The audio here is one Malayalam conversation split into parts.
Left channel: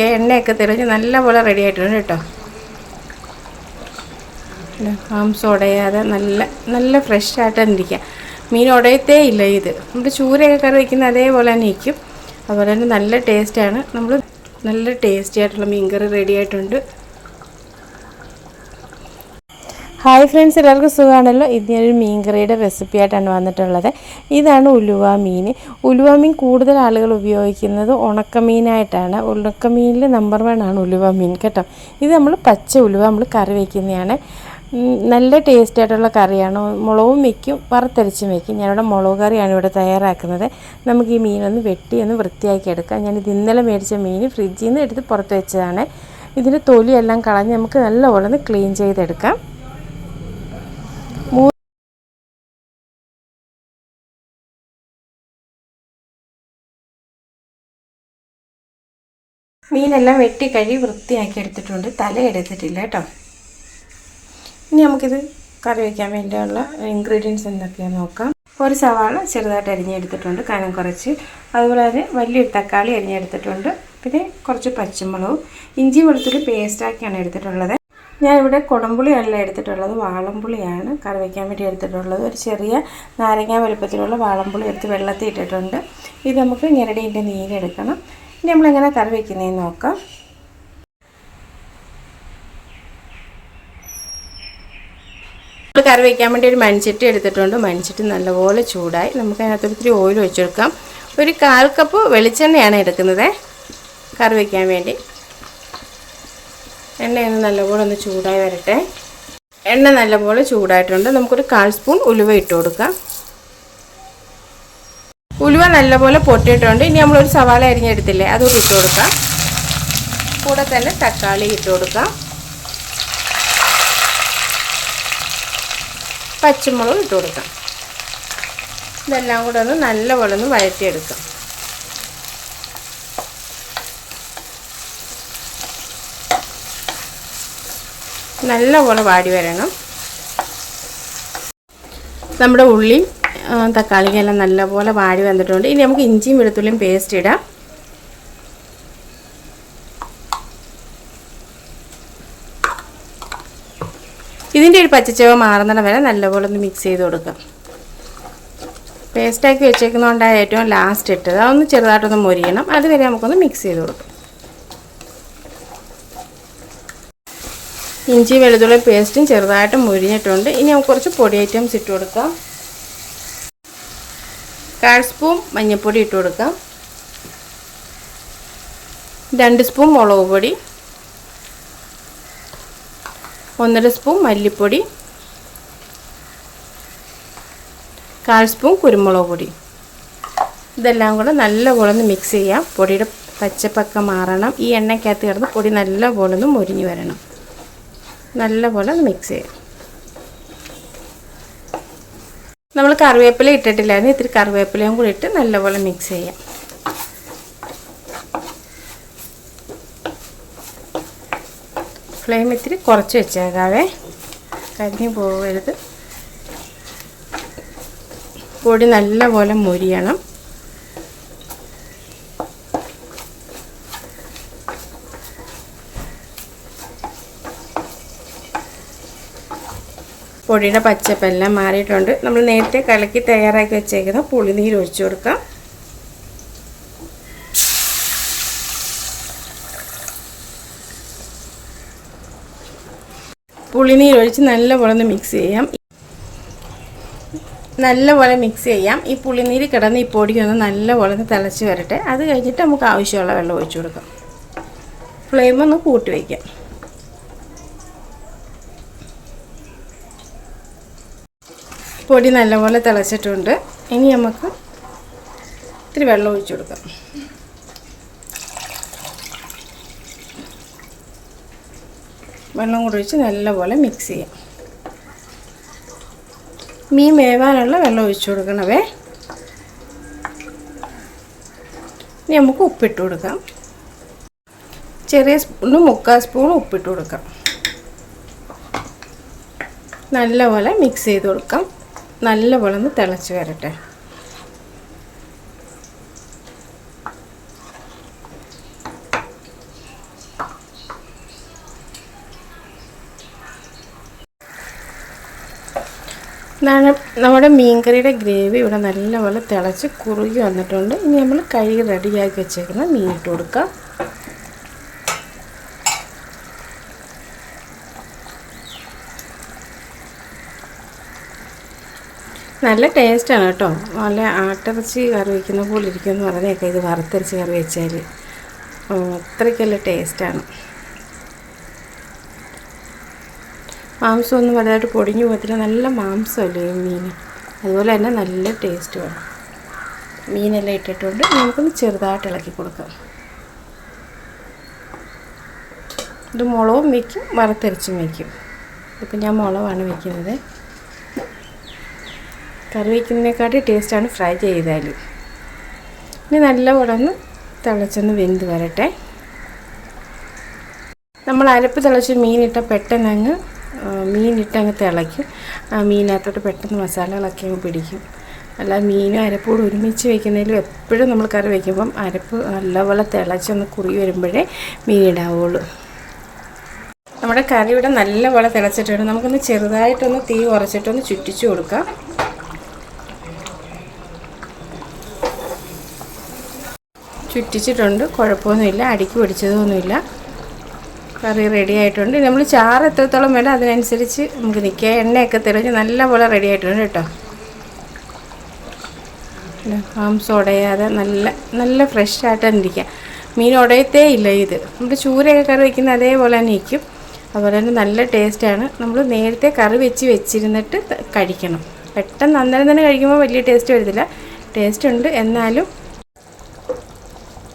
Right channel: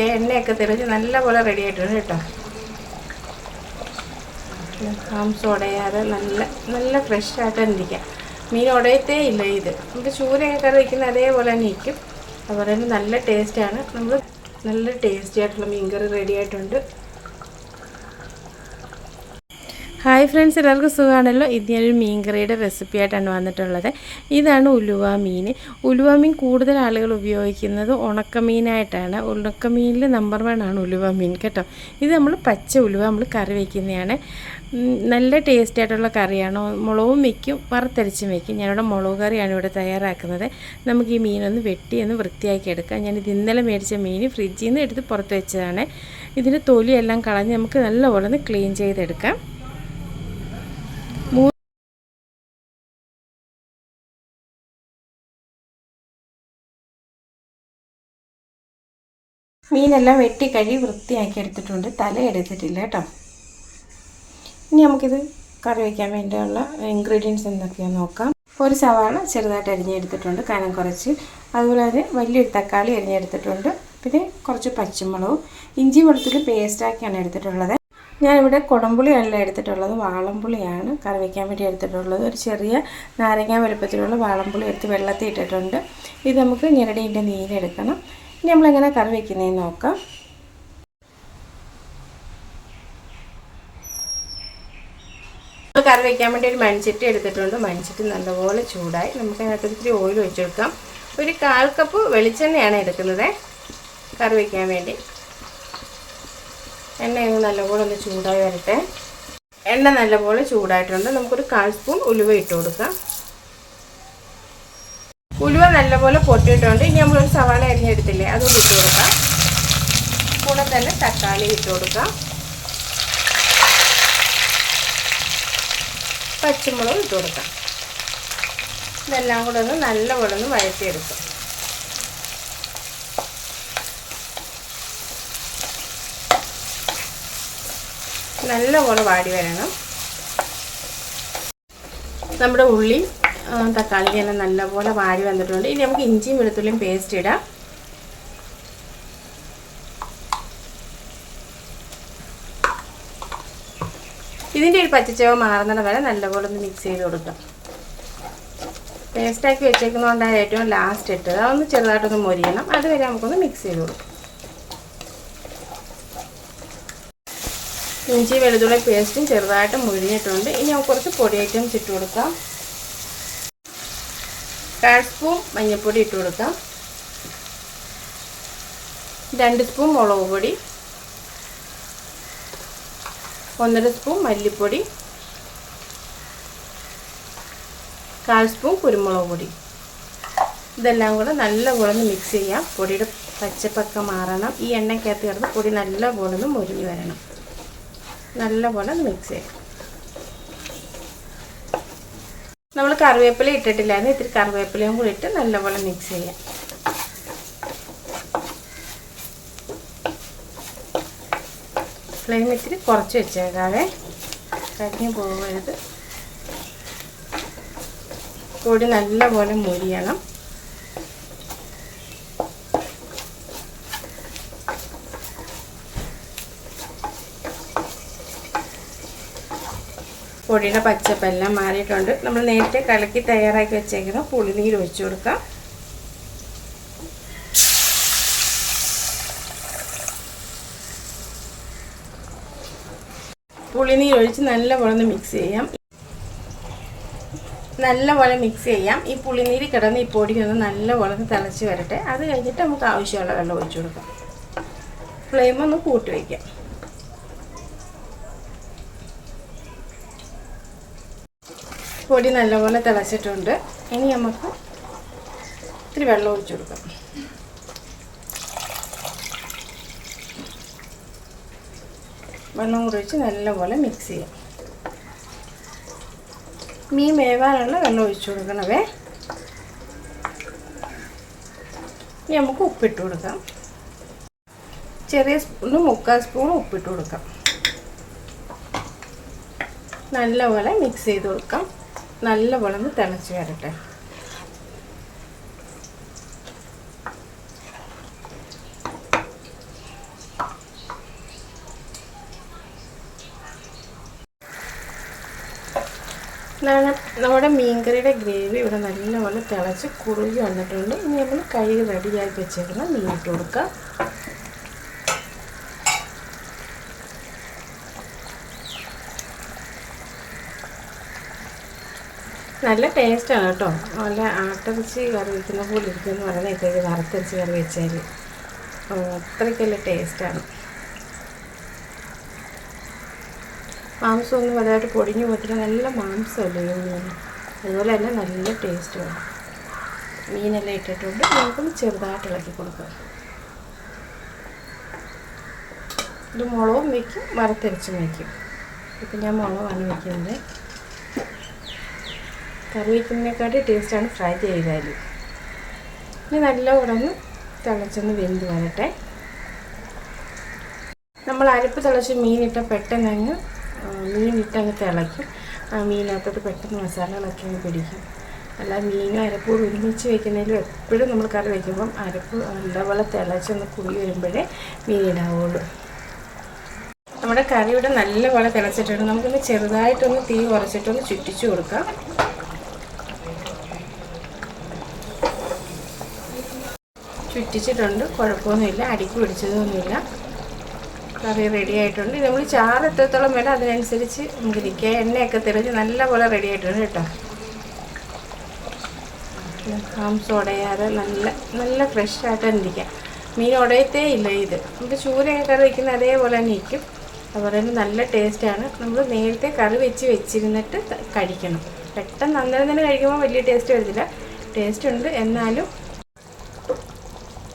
എണ്ണയൊക്കെ തെളിഞ്ഞ് നല്ലപോലെ റെഡി ആയിട്ടുണ്ട് കേട്ടോ. മാംസം ഉടയാതെ നല്ല നല്ല ഫ്രഷ് ആയിട്ട് ഇരിക്കുക മീൻ ഉടയത്തേ ഇല്ല ഇത്. നമ്മൾ ചൂരയൊക്കെ കറി വയ്ക്കുന്ന അതേപോലെ തന്നെ ഇരിക്കും. അതുപോലെ തന്നെ നല്ല ടേസ്റ്റാണ് നമ്മൾ നല്ല ടേസ്റ്റി ആയിട്ടുള്ള മീൻ കറി റെഡി ആയിട്ടുണ്ട്. ഹായ് ഫ്രണ്ട്സ് എല്ലാവർക്കും സുഖമാണല്ലോ? ഇത് ഞാനൊരു മീൻ കറിയുടെ റെസിപ്പി ആയിട്ടാണ് വന്നിട്ടുള്ളത്. ഇതാണ് ഉലുവ മീൻ. ഉലുവ മീൻ കൂടുതൽ ആളുകൾ ഉപയോഗിക്കുന്നത് ഉണക്കമീനായിട്ടാണ്. ഉണക്കമീനിൽ നമ്പർ വൺ ആണ് ഉലുവ മീൻ കേട്ടോ? ഇത് നമ്മൾ പച്ച ഉലുവ നമ്മൾ കറി വയ്ക്കുന്നതാണ് നല്ല ടേസ്റ്റ് ആയിട്ടുള്ള കറിയാണ്. മുളകും വയ്ക്കും വറുത്തരച്ചും വയ്ക്കും ഞാനിവിടെ മുളക് കറിയാണ് ഇവിടെ തയ്യാറാക്കുന്നത്. നമുക്ക് ഈ മീനൊന്ന് വെട്ടി ഒന്ന് വൃത്തിയാക്കി എടുക്കാം. ഞാനിത് ഇന്നലെ മേടിച്ച മീൻ ഫ്രിഡ്ജിൽ നിന്ന് എടുത്ത് പുറത്ത് വെച്ചതാണ്. ഇതിന്റെ തൊലിയെല്ലാം കളഞ്ഞ് നമുക്ക് നല്ലപോലെ ഒന്ന് ക്ലീൻ ചെയ്തെടുക്കാം. മീനെല്ലാം വെട്ടി കഴുകി വൃത്തിയാക്കി എടുത്തിട്ടുണ്ട്. തല എടുത്തിട്ടില്ല കേട്ടോ. ഇനി നമുക്കിത് കറി വയ്ക്കാൻ വേണ്ടിയുള്ള ഇൻഗ്രീഡിയൻസ് എന്തൊക്കെയാണെന്ന് നോക്കാം. ഒരു സവാള ചെറുതായിട്ട് അരിഞ്ഞെടുത്തിട്ടുണ്ട് കനം കുറച്ച്. അതുപോലെ തന്നെ വലിയൊരു തക്കാളി അരിഞ്ഞെടുത്തിട്ടുണ്ട്. പിന്നെ കുറച്ച് പച്ചമുളകും ഇഞ്ചി വെളുത്തുള്ളി പേസ്റ്റാക്കിയാണ് എടുത്തിട്ടുള്ളത്. ഞാനിവിടെ കുടംപുളിയല്ല എടുത്തിട്ടുള്ളത് വാളംപുളിയാണ് കറി വയ്ക്കാൻ വേണ്ടി എടുത്തിട്ടുള്ളത്. ഒരു ചെറിയ നാരങ്ങ വലുപ്പത്തിലുള്ള വാളംപുളി എടുത്ത് വെള്ളത്തിൽ ഇട്ടിട്ടുണ്ട്. ഇത് നമുക്ക് ഞെരടീന്റെ നീരെടുക്കണം ഇനി നമ്മളെങ്ങനെ കറി വയ്ക്കുന്നതെന്ന് നോക്കാം. നമ്മൾ കറി വയ്ക്കാൻ വേണ്ടി ഒരു മൺചട്ടി എടുത്തിട്ടുണ്ട്. മൺചട്ടി നല്ലപോലെ ചൂടായി നമുക്ക് അതിനകത്ത് ഒത്തിരി ഓയിൽ ഒഴിച്ചെടുക്കാം. ഒരു കാൽ കപ്പ് വെളിച്ചെണ്ണയാണ് എടുക്കുന്നത് കറി വയ്ക്കാൻ വേണ്ടി. എണ്ണയൊന്ന് നല്ലപോലെ ഒന്ന് ചൂടായി വരട്ടെ. എണ്ണ നല്ലപോലെ ചൂടായിട്ടുണ്ട്. നമുക്കൊരു കാൽ സ്പൂൺ ഉലുവ ഇട്ട് കൊടുക്കാം. ഉലുവ നല്ലപോലെ പൊട്ടിയിട്ടുണ്ട്. ഇനി നമ്മളൊരു സവാള അരിഞ്ഞെടുത്തില്ലേ അതുകൂടി ഇട്ട് കൊടുക്കാം. കൂടെ തന്നെ തക്കാളി ഇട്ട് കൊടുക്കാം. പച്ചമുളക് ഇട്ട് കൊടുക്കാം. ഇതെല്ലാം കൂടെ ഒന്ന് നല്ലപോലെ ഒന്ന് വഴറ്റിയെടുക്കാം. നല്ലപോലെ വാടി വരണം. നമ്മുടെ ഉള്ളി തക്കാളിക്കെല്ലാം നല്ലപോലെ വാടി വന്നിട്ടുണ്ട്. ഇനി നമുക്ക് ഇഞ്ചിയും വെളുത്തുള്ളിയും പേസ്റ്റ് ഇടാം. ഇതിന്റെ ഒരു പച്ചച്ചവ മാറുന്നിടം വരെ നല്ലപോലെ ഒന്ന് മിക്സ് ചെയ്ത് കൊടുക്കാം. പേസ്റ്റാക്കി വെച്ചേക്കുന്നതുകൊണ്ടാണ് ഏറ്റവും ലാസ്റ്റ് ഇട്ടത്. അതൊന്ന് ചെറുതായിട്ടൊന്ന് മൊരിയണം. അതുവരെ നമുക്കൊന്ന് മിക്സ് ചെയ്ത് കൊടുക്കാം. ഇഞ്ചി വെളുത്തുള്ളി പേസ്റ്റും ചെറുതായിട്ട് മുരിഞ്ഞിട്ടുണ്ട്. ഇനി നമുക്ക് കുറച്ച് പൊടി ഐറ്റംസ് ഇട്ട് കൊടുക്കാം. കാൽ സ്പൂൺ മഞ്ഞൾപ്പൊടി ഇട്ട് കൊടുക്കാം. രണ്ട് സ്പൂൺ മുളക് പൊടി. ഒന്നര സ്പൂൺ മല്ലിപ്പൊടി. കാൽ സ്പൂൺ കുരുമുളക് പൊടി. ഇതെല്ലാം കൂടെ നല്ലപോലെ ഒന്ന് മിക്സ് ചെയ്യാം. പൊടിയുടെ പച്ചപ്പൊക്കെ മാറണം. ഈ എണ്ണയ്ക്കകത്ത് കിടന്ന് പൊടി നല്ലപോലെ ഒന്ന് മുരിഞ്ഞ് വരണം. നല്ലപോലെ ഒന്ന് മിക്സ് ചെയ്യാം. നമ്മൾ കറിവേപ്പില ഇട്ടിട്ടില്ലായിരുന്നു ഇത്തിരി കറിവേപ്പിലയും കൂടി ഇട്ട് നല്ലപോലെ മിക്സ് ചെയ്യാം. ഫ്ലെയിം ഇത്തിരി കുറച്ച് വെച്ചേക്കാവേ. കരിഞ്ഞു പോകരുത് പൊടി നല്ലപോലെ മൊരിയണം. പൊടിയുടെ പച്ചപ്പെല്ലാം മാറിയിട്ടുണ്ട്. നമ്മൾ നേരത്തെ കലക്കി തയ്യാറാക്കി വെച്ചേക്കുന്ന പുളിനീര് ഒഴിച്ചു കൊടുക്കാം. പുളിനീര് ഒഴിച്ച് നല്ലപോലെ ഒന്ന് മിക്സ് ചെയ്യാം. നല്ലപോലെ മിക്സ് ചെയ്യാം. ഈ പുളിനീര് കിടന്ന് ഈ പൊടി ഒന്ന് നല്ലപോലെ ഒന്ന് തിളച്ച് വരട്ടെ. അത് കഴിഞ്ഞിട്ട് നമുക്ക് ആവശ്യമുള്ള വെള്ളം ഒഴിച്ചു കൊടുക്കാം. ഫ്ലെയിം ഒന്ന് കൂട്ടി വയ്ക്കാം. പൊടി നല്ലപോലെ തിളച്ചിട്ടുണ്ട്. ഇനി നമുക്ക് ഇത്തിരി വെള്ളം ഒഴിച്ചു കൊടുക്കാം. വെള്ളം കൂടി ഒഴിച്ച് നല്ലപോലെ മിക്സ് ചെയ്യാം. മീൻ വേവാനുള്ള വെള്ളം ഒഴിച്ചു കൊടുക്കണവേ. ഇനി നമുക്ക് ഉപ്പിട്ട് കൊടുക്കാം. ചെറിയ സ്പൂണ് മുക്കാൽ സ്പൂൺ ഉപ്പിട്ട് കൊടുക്കാം. നല്ലപോലെ മിക്സ് ചെയ്ത് കൊടുക്കാം. നല്ലപോലെ ഒന്ന് തിളച്ച് വരട്ടെ. നമ്മുടെ മീൻകറിയുടെ ഗ്രേവി. ഇവിടെ നല്ലപോലെ തിളച്ച് കുറുകി വന്നിട്ടുണ്ട്. ഇനി നമ്മൾ കൈ റെഡിയാക്കി വെച്ചേക്കുന്ന മീൻ ഇട്ട് കൊടുക്കാം. നല്ല ടേസ്റ്റാണ് കേട്ടോ. നല്ല ആട്ടിറച്ചി കറി വയ്ക്കുന്ന പോലെ ഇരിക്കുമെന്ന് പറഞ്ഞേക്കെ ഇത് വറുത്തരച്ച് കറി വെച്ചാൽ അത്രയ്ക്കല്ല ടേസ്റ്റാണ്. മാംസമൊന്നും വലുതായിട്ട് പൊടിഞ്ഞു പോകത്തില്ല. നല്ല മാംസമല്ലേ മീൻ? അതുപോലെ തന്നെ നല്ല ടേസ്റ്റ് വേണം. മീനെല്ലാം ഇട്ടിട്ടുണ്ട്. നമുക്കൊന്ന് ചെറുതായിട്ട് ഇളക്കി കൊടുക്കാം. ഇത് മുളകും വയ്ക്കും വറുത്തരച്ചും വയ്ക്കും. ഇപ്പം ഞാൻ മുളകാണ് വയ്ക്കുന്നത്. കറി വയ്ക്കുന്നതിനെക്കാട്ടി ടേസ്റ്റാണ് ഫ്രൈ ചെയ്താൽ ഇനി നല്ലപോലെ ഒന്ന് തിളച്ചൊന്ന് വെന്ത് വരട്ടെ. നമ്മൾ അരപ്പ് തിളച്ച് മീനിട്ട പെട്ടെന്ന് അങ്ങ് മീനിട്ട് അങ്ങ് തിളയ്ക്കും. ആ മീനകത്തോട്ട് പെട്ടെന്ന് മസാലകളൊക്കെ അങ്ങ് പിടിക്കും. അല്ല മീനും അരപ്പൂടെ ഒരുമിച്ച് വയ്ക്കുന്നതിലും എപ്പോഴും നമ്മൾ കറി വയ്ക്കുമ്പം അരപ്പ് നല്ലപോലെ തിളച്ചൊന്ന് കുറി വരുമ്പോഴേ മീനിടാവുള്ളൂ നമ്മുടെ കറി ഇവിടെ നല്ലപോലെ തിളച്ചിട്ടുണ്ട്. നമുക്കൊന്ന് ചെറുതായിട്ടൊന്ന് തീ കുറച്ചിട്ടൊന്ന് ചുറ്റിച്ചു കൊടുക്കാം. ചുറ്റിച്ചിട്ടുണ്ട്. കുഴപ്പമൊന്നുമില്ല. അടിക്ക് പിടിച്ചതൊന്നുമില്ല. കറി റെഡി ആയിട്ടുണ്ട്. നമ്മൾ ചാറ് എത്രത്തോളം വേണം അതിനനുസരിച്ച് നമുക്ക് നിൽക്കുക എണ്ണയൊക്കെ തെളിഞ്ഞ് നല്ലപോലെ റെഡി ആയിട്ടുണ്ട് കേട്ടോ. മാംസം ഉടയാതെ നല്ല നല്ല ഫ്രഷ് ആയിട്ട് തന്നെ ഇരിക്കുക മീൻ ഉടയത്തേ ഇല്ല ഇത്. നമുക്ക് ചൂരയൊക്കെ കറി വയ്ക്കുന്ന അതേപോലെ തന്നെ ഇരിക്കും. അതുപോലെ തന്നെ നല്ല ടേസ്റ്റാണ് നമ്മൾ നേരത്തെ കറി വെച്ച് വെച്ചിരുന്നിട്ട് കഴിക്കണം. പെട്ടെന്ന് അന്നേരം തന്നെ കഴിക്കുമ്പോൾ വലിയ ടേസ്റ്റ് വരത്തില്ല. ടേസ്റ്റ് ഉണ്ട്. എന്നാലും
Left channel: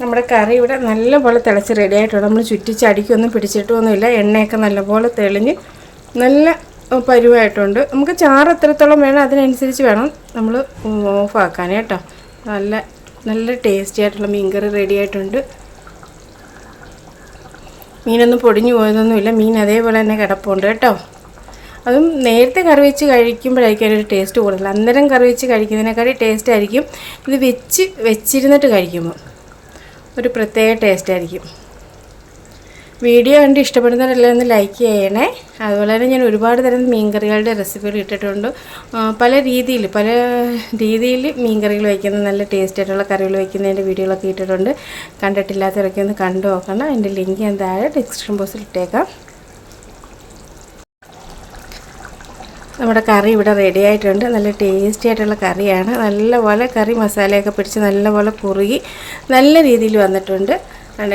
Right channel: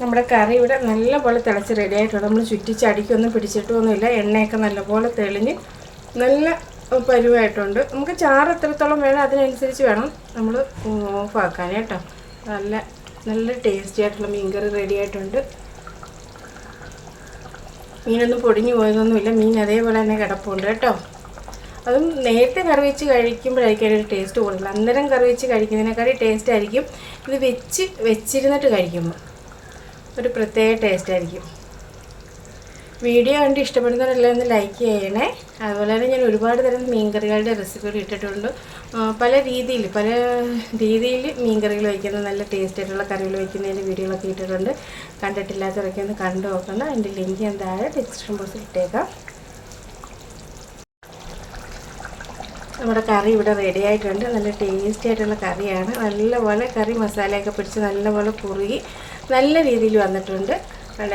നമ്മുടെ കറി ഇവിടെ നല്ലപോലെ തിളച്ച് റെഡി ആയിട്ടുണ്ട്. നമ്മൾ ചുറ്റിച്ചടിക്കൊന്നും പിടിച്ചിട്ടൊന്നുമില്ല. എണ്ണയൊക്കെ നല്ലപോലെ തെളിഞ്ഞ് നല്ല പരുവായിട്ടുണ്ട്. നമുക്ക് ചാറ് എത്രത്തോളം വേണം അതിനനുസരിച്ച് വേണം നമ്മൾ ഓഫാക്കാൻ കേട്ടോ. നല്ല നല്ല ടേസ്റ്റി ആയിട്ടുള്ള മീൻകറി റെഡി ആയിട്ടുണ്ട്. മീനൊന്നും പൊടിഞ്ഞു പോയതൊന്നുമില്ല. മീൻ അതേപോലെ തന്നെ കിടപ്പുണ്ട് കേട്ടോ. അതും നേരത്തെ കറി വെച്ച് കഴിക്കുമ്പോഴായിരിക്കും അതിന്റെ ടേസ്റ്റ് കൂടുതൽ. അന്നേരം കറി വെച്ച് കഴിക്കുന്നതിനേക്കാളും ടേസ്റ്റ് ആയിരിക്കും ഇത് വെച്ച് വെച്ചിരുന്നിട്ട് കഴിക്കുമ്പോൾ ഒരു പ്രത്യേക ടേസ്റ്റ് ആയിരിക്കും. വീഡിയോ കണ്ട് ഇഷ്ടപ്പെടുന്നവരെല്ലാം ഒന്ന് ലൈക്ക് ചെയ്യണേ. അതുപോലെ തന്നെ ഞാൻ ഒരുപാട് തരം മീൻകറികളുടെ റെസിപ്പികൾ ഇട്ടിട്ടുണ്ട്. പല രീതിയിൽ പല രീതിയിൽ മീൻകറികൾ വയ്ക്കുന്ന നല്ല ടേസ്റ്റ് ആയിട്ടുള്ള കറികൾ വയ്ക്കുന്നതിന്റെ വീഡിയോകളൊക്കെ ഇട്ടിട്ടുണ്ട്. കണ്ടിട്ടില്ലാത്തവരൊക്കെ ഒന്ന് കണ്ടു നോക്കണം. അതിന്റെ ലിങ്ക് ഞാൻ താഴെ ഡിസ്ക്രിപ്ഷൻ ബോക്സിൽ ഇട്ടേക്കാം. നമ്മുടെ കറി ഇവിടെ റെഡി ആയിട്ടുണ്ട്. നല്ല ടേസ്റ്റി ആയിട്ടുള്ള കറിയാണ്. നല്ലപോലെ കറി മസാലയൊക്കെ പിടിച്ച് നല്ലപോലെ കുറുകി നല്ല രീതിയിൽ വന്നിട്ടുണ്ട്.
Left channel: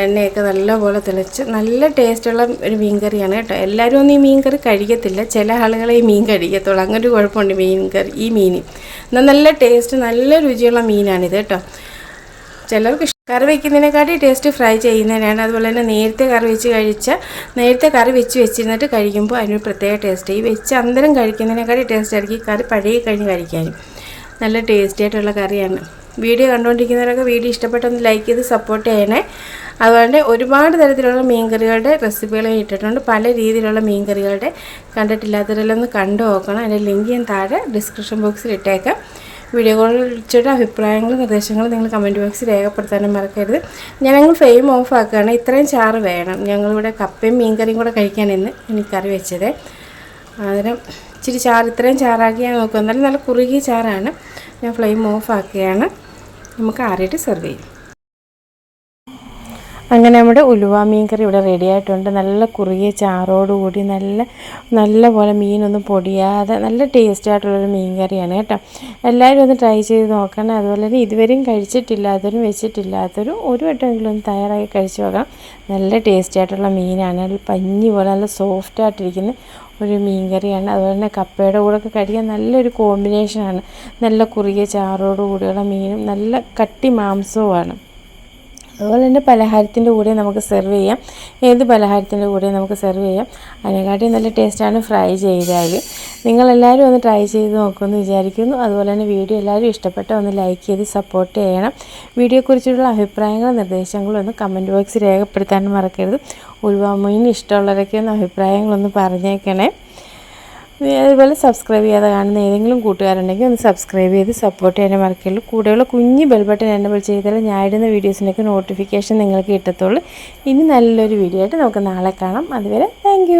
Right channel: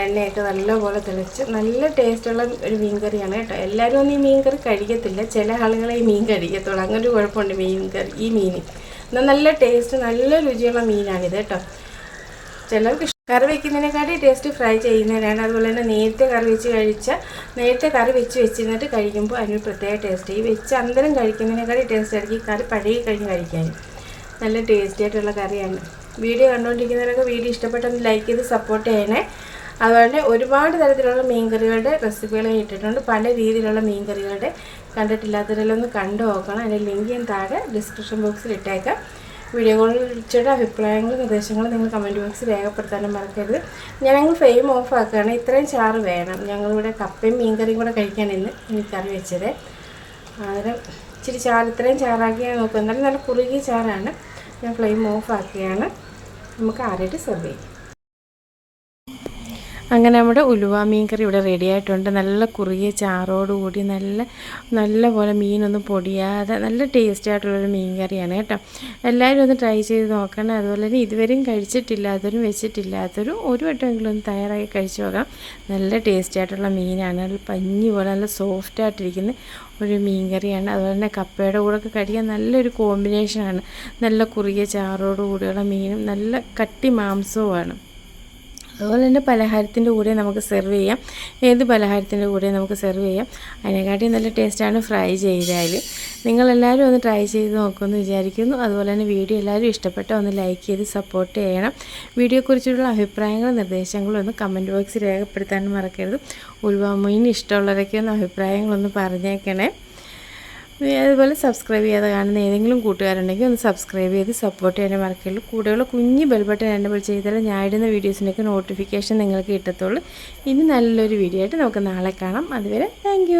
എണ്ണയൊക്കെ നല്ലപോലെ തിളച്ച് നല്ല ടേസ്റ്റുള്ള ഒരു മീൻ കറിയാണ് കേട്ടോ. എല്ലാവരും ഒന്നും ഈ മീൻ കറി കഴിക്കത്തില്ല. ചില ആളുകളെ ഈ മീൻ കഴിക്കത്തുള്ളൂ. അങ്ങനെ ഒരു കുഴപ്പമുണ്ട് മീൻ കറി ഈ മീൻ എന്നാൽ നല്ല ടേസ്റ്റ് നല്ല രുചിയുള്ള മീനാണിത് കേട്ടോ. ചിലർക്ക് കറി വയ്ക്കുന്നതിനെക്കാട്ടി ടേസ്റ്റ് ഫ്രൈ ചെയ്യുന്നതിനാണ്. അതുപോലെ തന്നെ നേരത്തെ കറി വെച്ച് കഴിച്ച നേരത്തെ കറി വെച്ച് വെച്ചിരുന്നിട്ട് കഴിക്കുമ്പോൾ അതിനൊരു പ്രത്യേക ടേസ്റ്റ് ഈ വെച്ച് അന്തരം കഴിക്കുന്നതിനെക്കാട്ടി ടേസ്റ്റ് ആയിരിക്കും കറി പഴയ കഴിഞ്ഞ് കഴിക്കാനും നല്ല ടേസ്റ്റി ആയിട്ടുള്ള കറിയാണ്. വീഡിയോ കണ്ടുകൊണ്ടിരിക്കുന്നവരൊക്കെ വീഡിയോ ഇഷ്ടപ്പെട്ടൊന്ന് ലൈക്ക് ചെയ്ത് സപ്പോർട്ട് ചെയ്യണേ. അതുകൊണ്ട് ഒരുപാട് തരത്തിലുള്ള മീൻകറികളുടെ റെസിപ്പികൾ ഇട്ടിട്ടുണ്ട്. പല രീതിയിലുള്ള മീൻകറികളുടെ കണ്ടിട്ടില്ലാത്തവരെല്ലാം ഒന്ന് കണ്ടു നോക്കണം. അതിന്റെ ലിങ്ക് ഞാൻ താഴെ ഡിസ്ക്രിപ്ഷൻ ബോക്സിൽ ഇട്ടേക്കാം. വീഡിയോകളിൽ വിളിച്ചിട്ട് അഭിപ്രായങ്ങളും നിർദ്ദേശങ്ങളും നിങ്ങൾ കമന്റ് ബോക്സിൽ രേഖപ്പെടുത്താനും മറക്കരുത്. ഞങ്ങൾ ഫ്ലെയിം ഓഫ് ആക്കുകയാണ്. ഇത്രയും ചാറ് വേണം. ഞങ്ങളിവിടെ കപ്പയും മീൻകറിയും കൂടെ കഴിക്കാൻ ഇന്ന് എനിക്കറി വെച്ചത്. അന്നേരം ഇച്ചിരി ചാറ് ഇത്രയും ചാറാക്കി ഞാൻ നോക്കും എന്നാലും നല്ല കുറുകിയ ചാറാണ്. ഞാൻ ഫ്ലെയിം ഓഫ് ആക്കുകയാണ്. നമുക്ക് ആറിയിട്ട് സെർവ് ചെയ്യും. അങ്ങനെ നമ്മുടെ ഉലുവ മീൻ കറി ഇവിടെ റെഡി ആയിട്ടുണ്ട്. നല്ല കുറുകിയ ചാറോടുകൂടി നല്ല നല്ല പോലെ മീനൊന്നും പൊടിയാതെ നല്ല ടേസ്റ്റ് ആയിട്ടുള്ളൊരു മീൻ കറിയാണ് കേട്ടോ. എല്ലാവരും ഒന്ന് ട്രൈ ചെയ്ത് നോക്കണം. അതുപോലെ തന്നെ ഇതുവരെയും കഴിച്ചിട്ടില്ലാത്തവരും വെച്ചിട്ടില്ലാത്തവരും ഒരു വട്ടമെങ്കിലും ഒന്ന് തയ്യാറായി കഴിച്ചു നോക്കാം നല്ല ടേസ്റ്റ് ആയിട്ടുള്ള മീനാണ്. പഞ്ഞി പോലെ നല്ല സോഫ്റ്റ് ആയിട്ടിരിക്കുന്ന ഒരു മീൻ കറിയാണ് അതുപോലെ തന്നെ കപ്പയുടെ കൂടെ ഒക്കെ കഴിക്കാൻ നല്ലൊരു കോമ്പിനേഷനാണ് നല്ല കുറുകിയ ചാറോട് കൂടിയുള്ള മീനും നല്ല കട്ടി മാംസവുമാണ്. അതുപോലെ തന്നെ പലഹാരത്തിന്റെ കൂടെ നമുക്ക് സെർവ് ചെയ്യാം. ഏത് പലഹാരത്തിന്റെ കൂടെ നമുക്ക് സെർവ് ചെയ്യാം. അതിനെക്കാട്ടി നല്ല ടേസ്റ്റാണ് ഫ്രൈ ചെയ്താൽ നിങ്ങളെല്ലാവരും ഒന്ന് ട്രൈ ചെയ്ത് നോക്കുമെന്ന് വിചാരിക്കുന്നു. അതുപോലെ തന്നെ വീഡിയോ എല്ലാവരും ഇഷ്ടപ്പെട്ട ഒന്ന് ലൈക്ക് ചെയ്ത് സപ്പോർട്ട് ചെയ്യണം. വീഡിയോയെക്കുറിച്ചുള്ള അഭിപ്രായങ്ങളും നിർദ്ദേശങ്ങളും ഒന്ന് കമന്റ് ബോക്സിൽ രേഖപ്പെടുത്താനും മറക്കരുത്. ഉൾവാമീന് ഇഷ്ടമുള്ളവരൊക്കെ ഒന്ന് അഭിപ്രായങ്ങളൊന്ന് പറഞ്ഞേക്കണേ. അതുപോലെ സബ്സ്ക്രൈബ് ചെയ്യാതെ കാണുന്ന ഏതെങ്കിലും കൂട്ടുകാരുണ്ടെങ്കിൽ ഒന്ന് സബ്സ്ക്രൈബ് ചെയ്ത് സപ്പോർട്ട് ചെയ്യാൻ മറക്കുള്ളൂ കൂടെയുള്ള കുഞ്ഞ് ബെൽബട്ടൺ എനബിൾ ചെയ്താൽ ഞാൻ ഇടുന്ന വീഡിയോസിനൊക്കെ നോട്ടിഫിക്കേഷൻ നിങ്ങൾക്ക് കിട്ടത്തുള്ളൂ. ഇനി നല്ലൊരു വീഡിയോ ആയിട്ട് നമുക്ക് നാളെ കാണാം. അതുവരെ താങ്ക്